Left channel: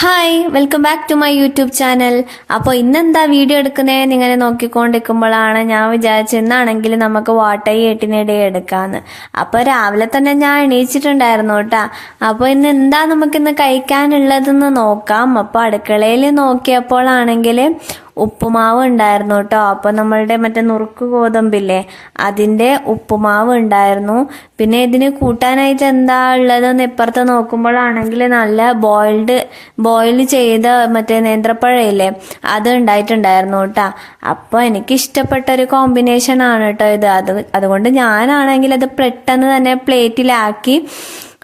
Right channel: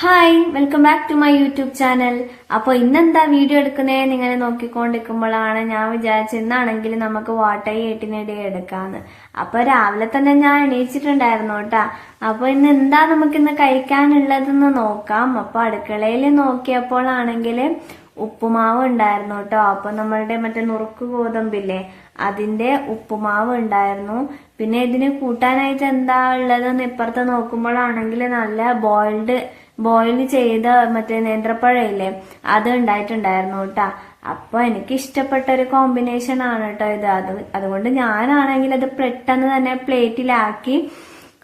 Hi welcome back to my YouTube channel. അപ്പോൾ ഇന്നെന്താ video എടുക്കുന്നതെന്ന് ഇങ്ങനെ നോക്കിക്കൊണ്ടിരിക്കുമ്പോഴാണ് ഞാൻ വിചാരിച്ചത് ഇന്നാണെങ്കിൽ നമുക്ക് വാട്ടൈ 8 എടുക്കാമെന്ന്. അപ്പോൾ രാവിലെ തന്നെ ഞാൻ എണീച്ചിട്ടുണ്ടായിരുന്നു കേട്ടോ. അപ്പോൾ ഇന്ന് എന്താ നമുക്കിന്ന് കഴിക്കാനുള്ളതെന്ന് നോക്കാം. അപ്പോൾ അടുക്കളയിൽ നോക്കിയപ്പോഴാണെങ്കിൽ ഉപ്പുമാവ് ഉണ്ടായിരുന്നു കേട്ടോ. അപ്പോൾ നമ്മളുടെ മറ്റേ നുറുക്ക് ഗോതമ്പില്ലേ, അതിൻ്റെ ഉപ്പുമാവ് ഉണ്ടായിരുന്നു. പിന്നെ ഇതിന് കൂട്ടാനായിട്ട് എന്താ ഉള്ളതെന്ന് ഇപ്പുറത്ത് നോക്കുമ്പോഴാണെങ്കിൽ നല്ല ബോയിൽ ചെയ്ത മറ്റേ നേന്ത്രപ്പഴയില്ലേ, അത് ഉണ്ടായിട്ടുണ്ടായിരുന്നു കേട്ടോ. അപ്പോൾ എനിക്ക് ഇഷ്ടപ്പെട്ട ഒരു കോമ്പിനേഷൻ ആണ് കേട്ടോ ഇത്. അതുകൊണ്ട് ഞാനാണെങ്കിൽ അത് പെട്ടെന്ന് തന്നെ പ്ലേറ്റിലാക്കി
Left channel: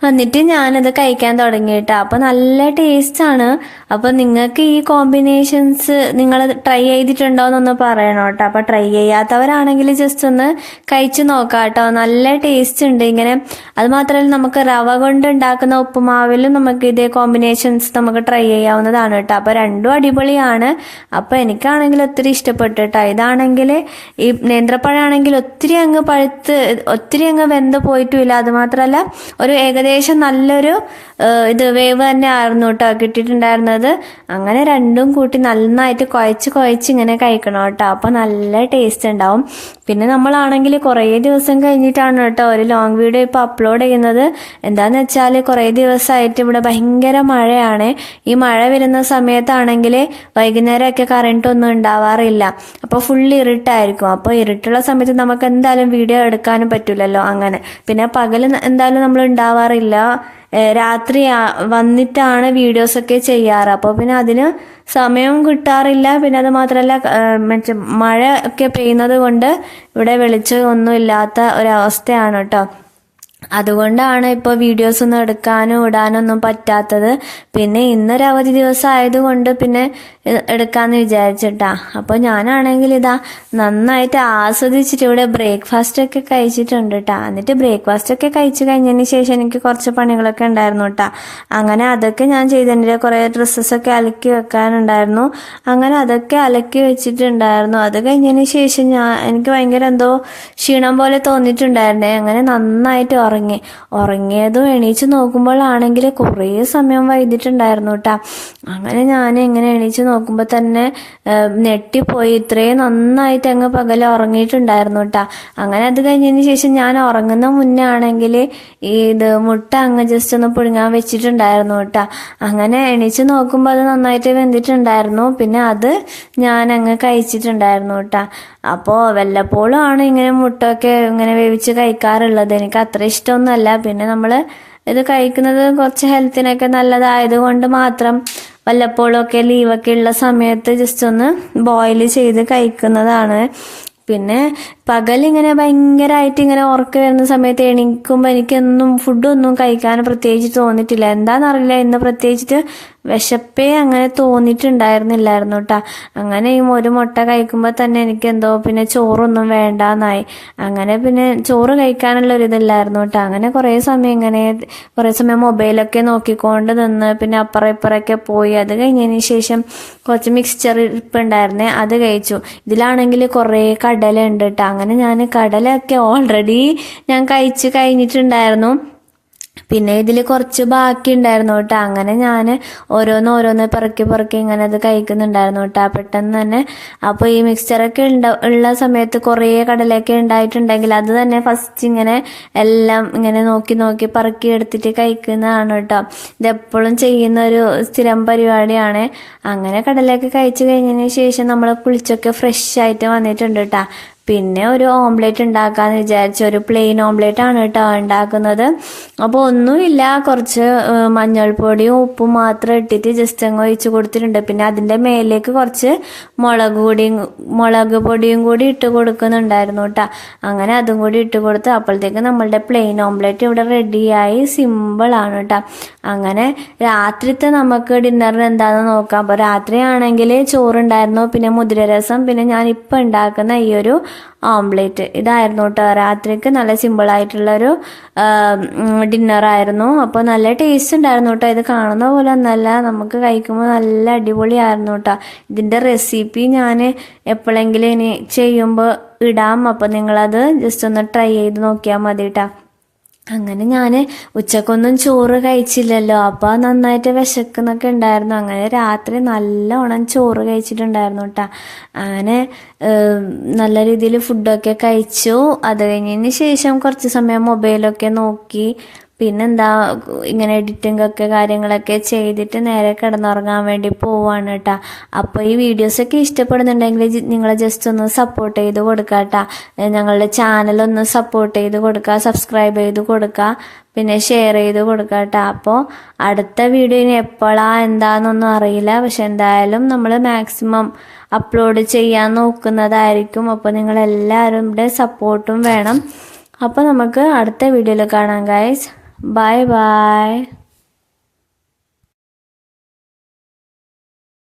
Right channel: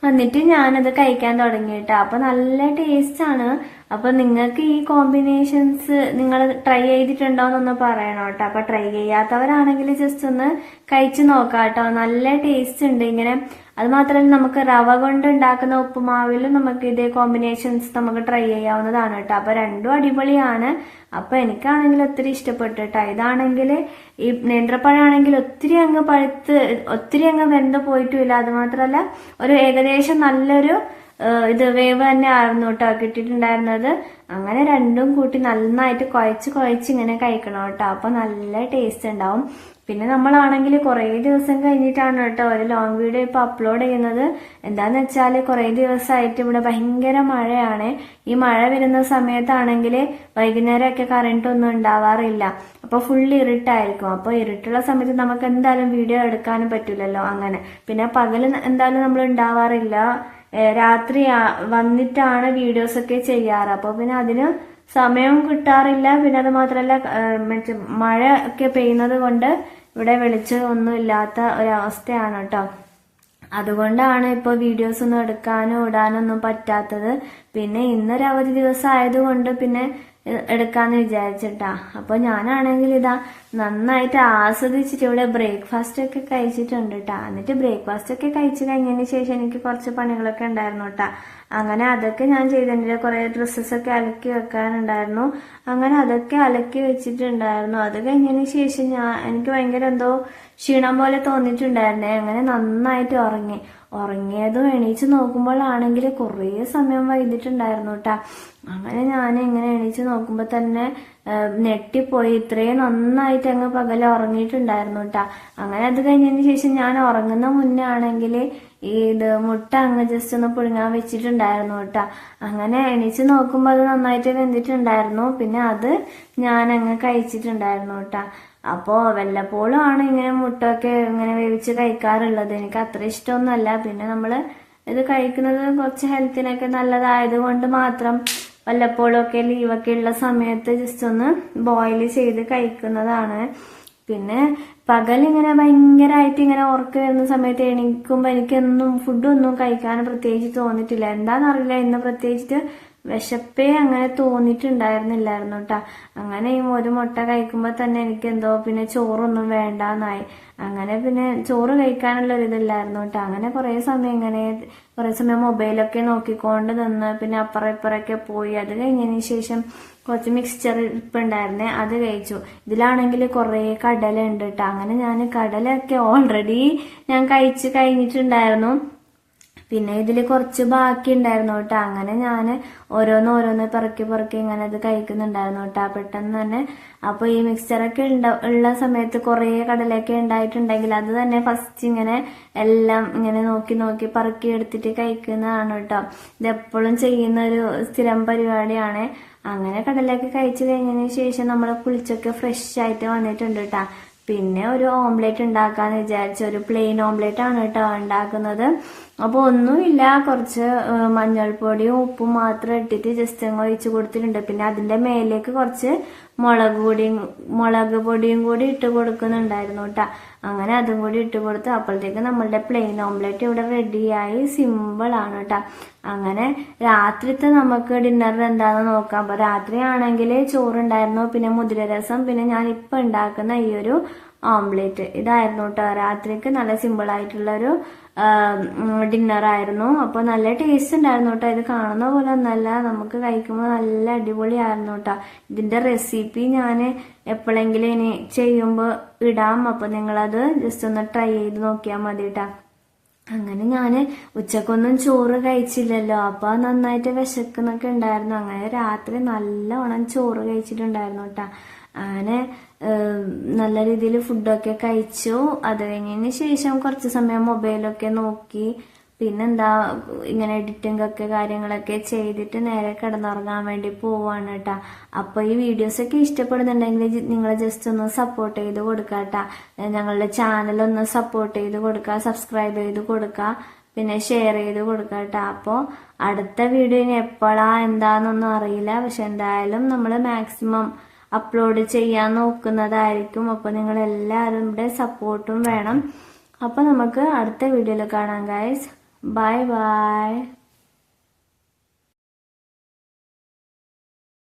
എന്നിട്ട് ഞാനത് കഴിക്കാൻ തുടങ്ങിയിട്ടാ. അപ്പോൾ നല്ല ടേസ്റ്റാണ്. അപ്പോൾ നിങ്ങൾക്ക് ഈ കോമ്പിനേഷൻസ് നിങ്ങൾ ട്രൈ ചെയ്തിട്ടുണ്ടോയെന്നൊന്ന് പറയണം കേട്ടോ. അപ്പോൾ ട്രൈ ചെയ്യാത്തവരാണെങ്കിൽ ജസ്റ്റ് ഒന്ന് കഴിച്ചു നോക്കാം കേട്ടോ. നല്ല ടേസ്റ്റ് ഉണ്ട് ഇങ്ങനെ. അത് മാത്രമല്ല നമുക്ക് റവ കൊണ്ട് ഉണ്ടാക്കുന്ന ഉപ്പുമാവിലും നമുക്ക് ഇതേ കോമ്പിനേഷൻസ് നമുക്ക് ട്രൈ ചെയ്യാവുന്നതാണ് കേട്ടോ. അപ്പോൾ രണ്ടും അടിപൊളിയാണ്. അപ്പോൾ എനിക്കാണെങ്കിൽ ഒത്തിരി ഇഷ്ടപ്പെട്ടു കേട്ടോ. ഇതാണെങ്കിൽ ഈ നേന്ത്രപ്പഴമാണെങ്കിൽ ഒത്തിരി അങ്ങ് വെന്ത് പോയിട്ടുമില്ല. അത് മാത്രമല്ല ഒരു ഏകദേശം നല്ലൊരു വേവ് തന്നെ ആയിരുന്നു കേട്ടോ കിട്ടിയിട്ടുണ്ടായിരുന്നത്. അങ്ങനെ രണ്ടും കൂട്ടി നന്നായിട്ട് കുഴച്ച് ഇങ്ങനെ കഴിക്കണം കേട്ടോ. അപ്പോൾ നല്ല ടേസ്റ്റ് ഉണ്ടാവും. പിന്നെ നമ്മളാണെങ്കിൽ കുറേ ദിവസം കഴിഞ്ഞിട്ടാണ് കേട്ടോ ഒരു ലോങ് വീഡിയോ ഇപ്പോൾ അപ്ലോഡ് ചെയ്യുന്നത്. എന്താണെന്ന് വെച്ചാൽ കുറേ ദിവസമായിട്ട് ഇവിടെ ഭയങ്കര മഴയാണ്. ഈ മഴ വരുന്ന സമയത്താണെങ്കിൽ വൈകുന്നേരമൊക്കെ കറണ്ട് ഒന്നും ഉണ്ടാവാറില്ല. അപ്പോൾ ഫുൾ ഇരുട്ടായിരിക്കും. അപ്പോൾ ഇരുട്ടുള്ള സമയത്ത് നമുക്ക് എന്തായാലും വീഡിയോ എടുക്കാനും പറ്റില്ലല്ലോ. അങ്ങനെ പിന്നെ പകൽ എന്തായാലും നമ്മൾ ഉണ്ടാവാറില്ല. രാത്രി വന്നിട്ടാണ് വീഡിയോസൊക്കെ ചെയ്യാറ്. അപ്പോൾ പിന്നെ അതിന് സമയം കിട്ടാറില്ല. പിന്നെ അത് മാത്രമല്ല മഴ ഒക്കെ പെയ്യുന്നത് കൊണ്ട് ഇവിടെ വെളിച്ചം ഒന്നും ഇല്ലാത്ത ഒരവസ്ഥയാണ് കേട്ടോ. അതുകൊണ്ടാണ് ഇപ്പോൾ വീഡിയോസ് ഒന്നും എടുക്കാനും ഇടാനൊന്നും പറ്റാത്തത്. പിന്നെ ഇന്നൊരു അവധി ദിവസം ആയതുകൊണ്ട് പിന്നെ എടുക്കാമെന്ന് വിചാരിച്ചിട്ടാ. അപ്പോൾ ഞാനാണെങ്കിൽ ഇതാ നന്നായിട്ട് ആസ്വദിച്ചിട്ട് ഇവിടെ ബ്രേക്ക്ഫാസ്റ്റ് ഒക്കെ കഴിച്ചിട്ടുണ്ട് കേട്ടോ. എന്നിട്ട് ബ്രേക്ക്ഫാസ്റ്റ് ഒക്കെ കഴിച്ച് കഴിഞ്ഞതിന് ശേഷം എനിക്ക് കുറച്ച് പണികളൊക്കെ ഉണ്ടായിരുന്നു കേട്ടോ. അങ്ങനെ അതൊക്കെ ഞാൻ ചെയ്തിട്ടുണ്ട്. കുറേ ഡ്രസ്സസൊക്കെ അലക്കി വെക്കാനുണ്ടായിരുന്നു. അങ്ങനെ അതൊക്കെ അലക്കി വെച്ചിട്ടുണ്ടായിരുന്നു. അത് കഴിഞ്ഞതിന് ശേഷം എനിക്ക് ഭയങ്കര എന്തോ ക്ഷീണം പോലെ തോന്നിയിട്ടുണ്ടായിരുന്നേ. അങ്ങനെ നന്നായിട്ട് ഉറങ്ങിയതും എണീച്ച് നോക്കുമ്പോഴാണെങ്കിൽ കുറേ സമയം വൈകിട്ടുണ്ടായിരുന്നു കേട്ടോ. അങ്ങനെ ഞാൻ ഇങ്ങനെ എണീച്ച് നോക്കുമ്പോൾ തന്നെ ഞെട്ടിപ്പോയി. ഇത്രയും നന്നായിട്ട് അങ്ങ് പകൽ ഉറങ്ങിയിട്ടുണ്ടായിരുന്നു കേട്ടോ. അങ്ങനെ അത് കഴിഞ്ഞതിന് ശേഷം ഞാൻ ഉറങ്ങുന്ന മുന്നേ ആണെങ്കിൽ മുട്ട അങ്ങ് ജസ്റ്റ് ഒന്ന് പുഴുങ്ങാൻ വെച്ചിട്ടുണ്ടായിരുന്നു കേട്ടോ. അങ്ങനെ എണീച്ച് നോക്കുമ്പോൾ അത് നന്നായിട്ട് വെന്തിട്ടുണ്ടായിരുന്നു. പിന്നെ അത് ഞാൻ അങ്ങ് കഴിച്ചിട്ടുണ്ടായിരുന്നു കേട്ടോ. അപ്പോൾ വല്ലപ്പോഴും ആണ് ഇങ്ങനെ മുട്ടയൊക്കെ ഇങ്ങനെ വേവിച്ച് കഴിക്കാറുള്ളത്. എനിക്ക് അത്ര ഇഷ്ടമൊന്നുമല്ല. പിന്നെ നമ്മൾ ഇത് കഴിക്കുന്നത് കുറച്ച് ഹെൽത്തിനൊക്കെ നല്ലതായതുകൊണ്ട് മാത്രം വല്ലപ്പോഴും ഒക്കെ ലീവൊക്കെ ഉള്ള സമയത്ത് ജസ്റ്റ് ഒന്ന് ബോയിൽ ചെയ്ത് കഴിക്കുന്നതാണ്. പിന്നെ പകലിങ്ങനെ ഭയങ്കരമായിട്ട് ഇങ്ങനെ ഉറക്കം വരുന്ന സമയത്ത് എണീക്കുമ്പോൾ എനിക്കൊന്നും ഫുഡൊന്നും കഴിക്കാൻ പ്രത്യേകിച്ച് തോന്നിയിട്ടില്ല. എന്താണെന്നറിയില്ല, ഇന്ന് പ്രത്യേകിച്ചിട്ട് വിശപ്പേ അങ്ങനെ തോന്നിയിട്ടുണ്ടായിരുന്നില്ലായിരുന്നു കേട്ടോ. അങ്ങനെ ഈ ഒരു മുട്ട കഴിക്കുമ്പോൾ തന്നെ എനിക്കെന്തോ പിന്നെ ചോറൊന്നും വേണ്ടാന്നായി. അങ്ങനെ പിന്നെ ചോറ് കഴിക്കാനുള്ള ഒരിതില്ലായിരുന്നു കേട്ടോ. അങ്ങനെ കുറേ സമയം മൊബൈലൊക്കെ നോക്കിക്കൊണ്ട് നിന്ന് പിന്നെ അപ്പുറം ഇപ്പുറമൊക്കെ പോയി. അത് കഴിഞ്ഞതിന് ശേഷം കുറച്ച് മിക്സ്ചർ ഇരിപ്പുണ്ടായിരുന്നേ, അത് കഴിച്ചു. ഇതിലാണെങ്കിൽ കുറേ കടല ഉണ്ട് കേട്ടോ. അങ്ങനെ ഞാൻ കടലൊക്കെ ഓൾറെഡി ഞാൻ കഴിച്ച് കഴിഞ്ഞിട്ടുണ്ടായിരുന്നു. പിന്നെ ഇതിൽ കുറച്ച് ബാക്കി ഉണ്ടായിരുന്നു കേട്ടോ. അങ്ങനെ ഞാൻ ഓരോന്ന് പെറുക്കി ഇങ്ങനെ അത് കഴിക്കുന്നുണ്ടായിരുന്നു കേട്ടോ പെട്ടെന്ന് തന്നെ. അപ്പോൾ ഈ മിക്സ്ചറൊക്കെ ഉള്ള സമയത്ത് കുറേ കടലൊക്കെ ഉണ്ടായിട്ടുണ്ടെങ്കിൽ അത് തന്നെ ഫസ്റ്റ് ഇങ്ങനെ എല്ലാം ഇങ്ങനെ നോക്കി പെറുക്കി എടുത്തിട്ട് കഴിക്കുന്നതാണ് കേട്ടോ. ഇതെപ്പോഴും ചെയ്യുന്ന ഒരു സ്ഥിരം പരിപാടിയാണ്. അങ്ങനെ കടലൊക്കെ കഴിച്ച് കഴിഞ്ഞതിന് ശേഷം നമ്മൾ കുളിച്ചൊക്കെ ഫ്രഷ് ആയിട്ട് വന്നിട്ടുണ്ട് കേട്ടോ. പിന്നെ ഒരു ഓംലെറ്റ് ഉണ്ടാക്കാമെന്ന് വിചാരിച്ചു. ഒരു പ്ലെയിൻ ഓംലെറ്റ് ആണ് കേട്ടോ ഉണ്ടാക്കുന്നത്. അപ്പോൾ ഒന്നുമില്ല, കുറച്ച് മഞ്ഞൾപ്പൊടിയും ഉപ്പും മാത്രം ഇട്ടിട്ട് ജസ്റ്റ് അങ്ങ് ഒഴിച്ച് കൊടുത്തിട്ടുണ്ട്. പിന്നെ അതിൻ്റെ മേലേക്ക് കുറച്ച് മുളക് പൊടിയും കൂടി ഇട്ട് കൊടുക്കുന്നുണ്ടായിരുന്നു കേട്ടോ. അങ്ങനെ അതും കൂടി ഇട്ട് കൊടുത്ത് അപ്പോഴത്തേക്ക് നമ്മളുടെ പ്ലെയിൻ ഓംലെറ്റ് ഇവിടെ റെഡിയായി. സിമ്പിളാണ് കേട്ടോ. അങ്ങനെ രാത്രിത്തെ നമുക്ക് ഡിന്നറിന് എന്താണെന്ന് നോക്കാം. അപ്പോൾ രാത്രിയാണെങ്കിൽ ചോറുണ്ടായിരുന്നു, പിന്നെ മുതിരരസം, പിന്നെ ഞാനിപ്പോൾ ഉണ്ടാക്കുന്ന ഈ ഒരു ഓംലെറ്റ് ഇതായിരുന്നു കേട്ടോ. രാത്രിക്ക് നല്ല സിമ്പിളായിട്ടുള്ളൊരു ഡിന്നറായിരുന്നു. അപ്പോൾ നല്ല ടേസ്റ്റ് ഉണ്ടായിരുന്നു കേട്ടോ. ഇത് കാണുന്ന പോലെ ഒന്നല്ല, നമുക്ക് കഴിക്കുമ്പോൾ നല്ല അടിപൊളിയായിരുന്നു കേട്ടോ. ഇതിൻ്റെ റെസിപ്പി ഞാൻ എപ്പോഴെങ്കിലും ഇനി ചെയ്യുമ്പോൾ ഇടാം. അപ്പോൾ നിങ്ങളത് ജസ്റ്റ് ഒന്ന് ട്രൈ ചെയ്ത് നോക്കിയാൽ മതി കേട്ടോ. അങ്ങനെ ഞാൻ ഉച്ചക്കൊന്നും ചോറ് കഴിച്ചില്ലല്ലോ, അപ്പോൾ നന്നായിട്ട് വിശക്കുന്നൊക്കെ ഉണ്ടായിരുന്നു. അങ്ങനെ രാത്രി നല്ലോണം ചോറ് കഴിച്ചിട്ടുണ്ടായിരുന്നു കേട്ടോ. അങ്ങനെ നല്ല രീതിയിൽ ഫുഡൊക്കെ കഴിച്ചു. അത് കഴിഞ്ഞതിന് ശേഷം കുറച്ച് സമയം മൊബൈലൊക്കെ നോക്കി, പിന്നെന്താ ഇങ്ങനെ എഡിറ്റിംഗ് ഒക്കെ കാര്യങ്ങളൊക്കെ ചെയ്തിട്ട് നേരെ കിടന്നുറങ്ങാൻ വേണ്ടി പോവാണ് കേട്ടോ. അപ്പോൾ ഈ വീഡിയോസൊക്കെ ഇഷ്ടപ്പെടുന്നുണ്ടെങ്കിൽ നിങ്ങൾ ജസ്റ്റ് ഒന്ന് സപ്പോർട്ട് ചെയ്ത് കൊടുക്കുക കേട്ടോ. ഞങ്ങളുടെ ചാനലൊന്ന് സപ്പോർട്ട് ചെയ്ത് കൊടുക്കുക, സബ്സ്ക്രൈബ് ചെയ്ത് കൊടുക്കുക, പിന്നെ ഷെയർ ചെയ്ത് കൊടുക്കുക കേട്ടോ. അപ്പോൾ അടുത്ത വീഡിയോ ഇനി എപ്പോഴാണ് എന്താണെന്നൊന്നും അറിയില്ല, പക്ഷെ എന്തായാലും നമ്മൾ മാക്സിമം അപ്ലോഡ് ചെയ്യാൻ നോക്കുന്നതായിരിക്കും. അപ്പോൾ നിങ്ങളെല്ലാവരും സപ്പോർട്ടും വേണം. അപ്പോൾ നമുക്ക് അടുത്ത വീഡിയോയിൽ കാണാം ഗൈസ്. Bye bye.